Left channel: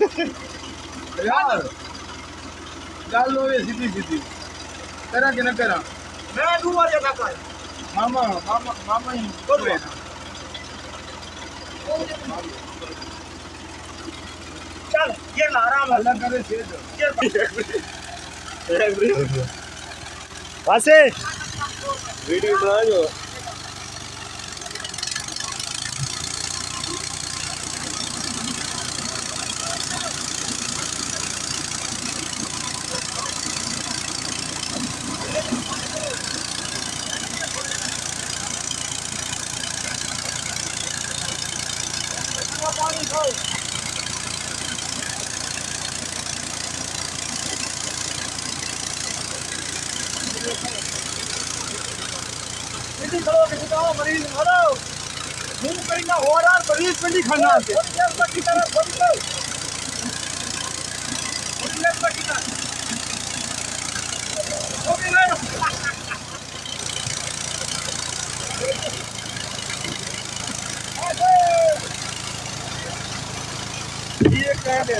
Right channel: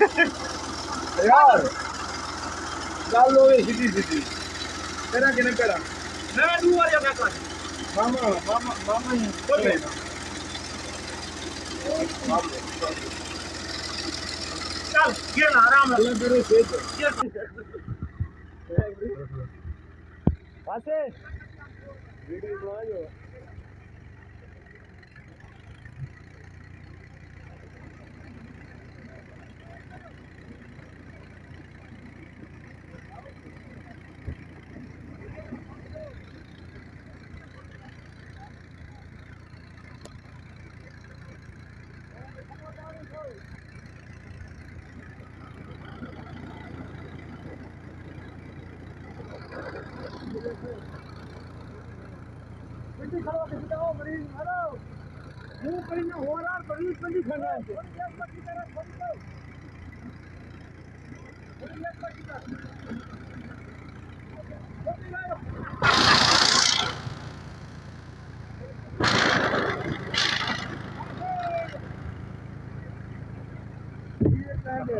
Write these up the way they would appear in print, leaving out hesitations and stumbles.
यार गल होवे सीधी सीधी तेरा किने तेरा मैं तू मार जा काका मामा मामा मामा ही होवे ना चल ये ना आराम अल्लाह करे सेहत वासे वीडियो बना जो पानी खाओ कितनी खाओ मरीज मरो मुंह पे ना हो रहा मरीज पे नहीं खाना है की तरफ बंद करो की तरफ हो गया ये कह दे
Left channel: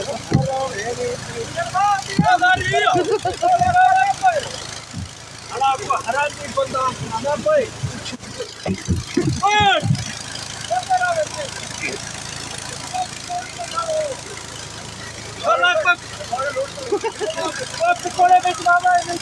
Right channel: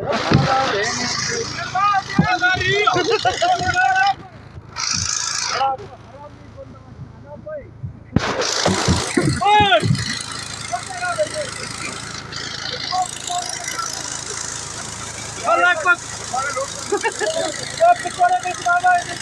हराम नहीं बंदा ना भाई पकौड़े बेच बाबा नहीं